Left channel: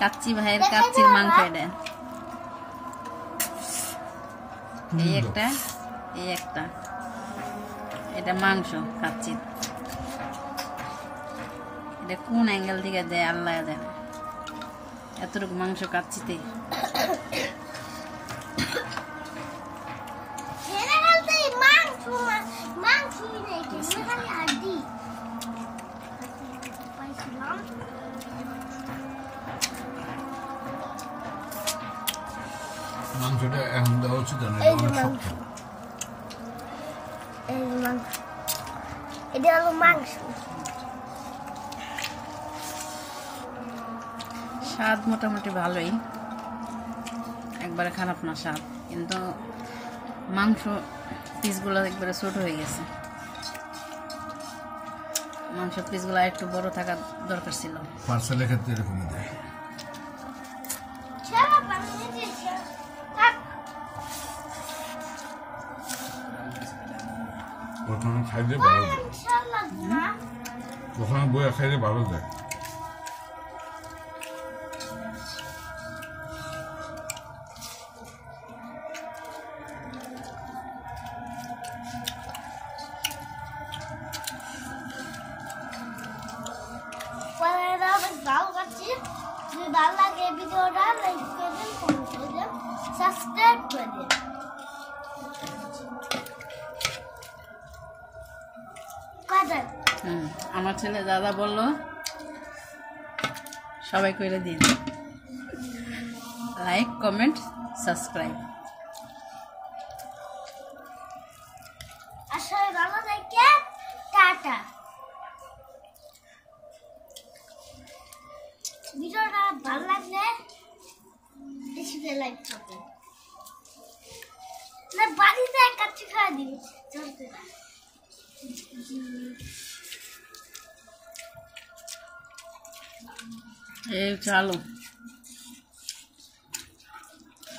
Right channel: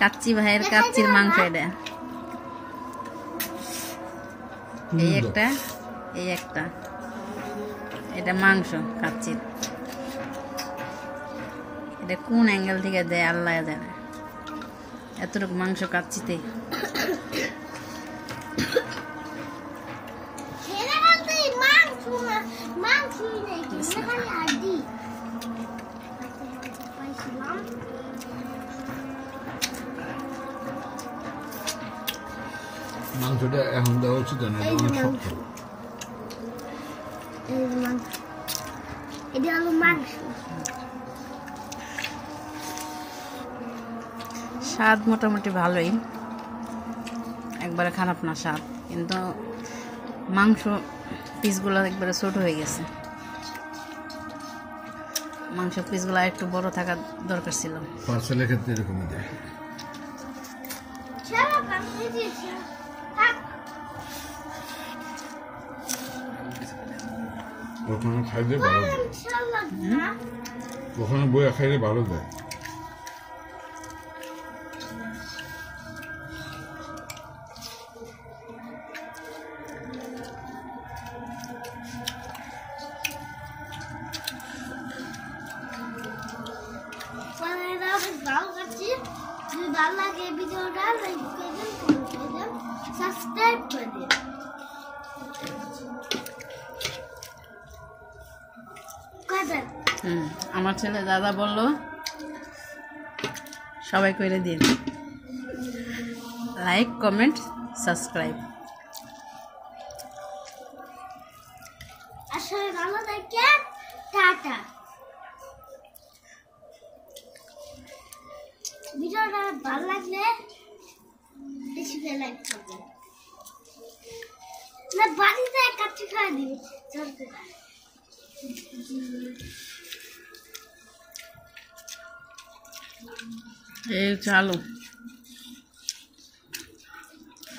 কাচ্চি ভাইয়ের কাচ্চির মাংস এটা। এই একটা এটা মাংস কাচ্চির। এটা কোন অ্যাঙ্গেল থেকে দেয় আল্লাহ দেয়, এতটুকু মাংস কাচ্চিতে। মাংসটা এখন দেওয়া উচিত না, অনেক শক্ত। এটা হলো মাংস। স্বাদ মোটামুটি ভালোই, একবারে খারাপ না স্বাদ, কিন্তু মাংস পিসগুলো একবারে ছোট হয়ে গেছে। মাংস পিসগুলো একটু বড় থাকার দরকার ছিল। পার্সেলের ক্ষেত্রে এরকমই দেয়। ওখানে খাইলে ভালো দেয়, ওখানে বইয়া খাইলে ভালো দেয়। যদি ভালো লাগে ভিডিওটা লাইক করবেন, কমেন্ট করবেন, সাবস্ক্রাইব করবেন। আমার ছেলে দাদা বললো সবাই করে দিন লাইক, কমেন্ট, সাবস্ক্রাইব। আসলে ভালো থাকে, টাটা। ভিডিওটা ভালো লাগলে বেশি করে লাইক করবেন, না বাড়িতে কাচ্চি খাওয়া দিন চলতে না। এই আলু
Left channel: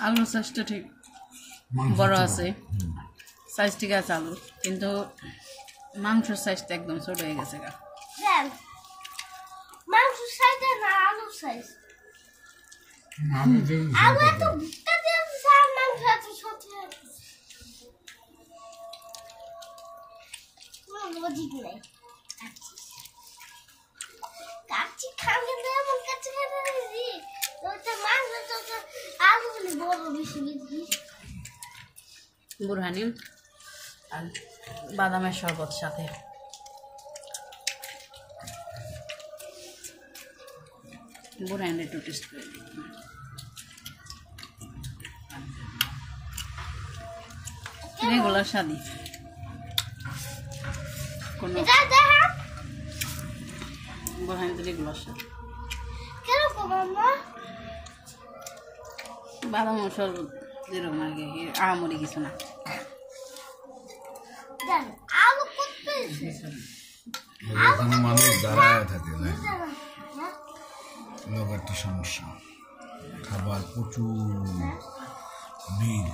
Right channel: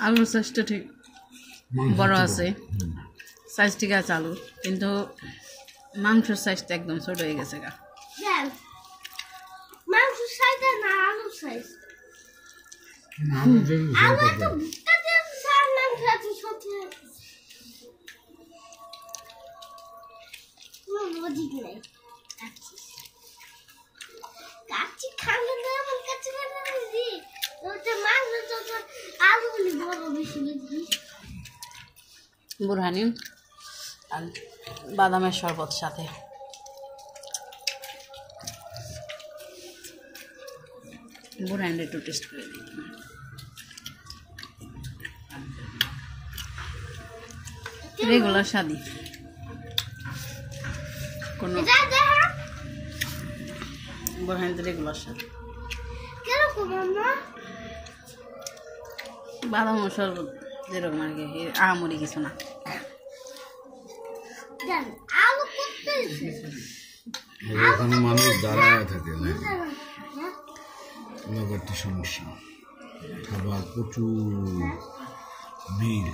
আলুর সাইজটা ঠিক বড় আছে, সাইজ ঠিক আছে আলু, কিন্তু মাংসের সাইজটা একদম ছোট হয়ে গেছে গা। মাংসের সাইজ না আলুর সাইজ। আলু তো ভুট্টা দিয়ে সার মাংস এত ছোট লজিক নেই। কাচ্চি খালে তো এমন কাচ্চি খাবে দিদি, ওতে মাংস তো আলু বড় বেশি বেশি। বুরহানি আর বাদামের শরবত সাথে। বুরহানি একটু টেস্ট করে দিই। রেগুলার স্বাদই, কোনো বুরহানি তো রেগুলার স্বাদ। বাদাম শরবত যেরকম আর কি, আহামরি কিছু না। মানুষ দাঁড়ায় থাকে না, সমস্যা। খাবার প্রচুর বিল।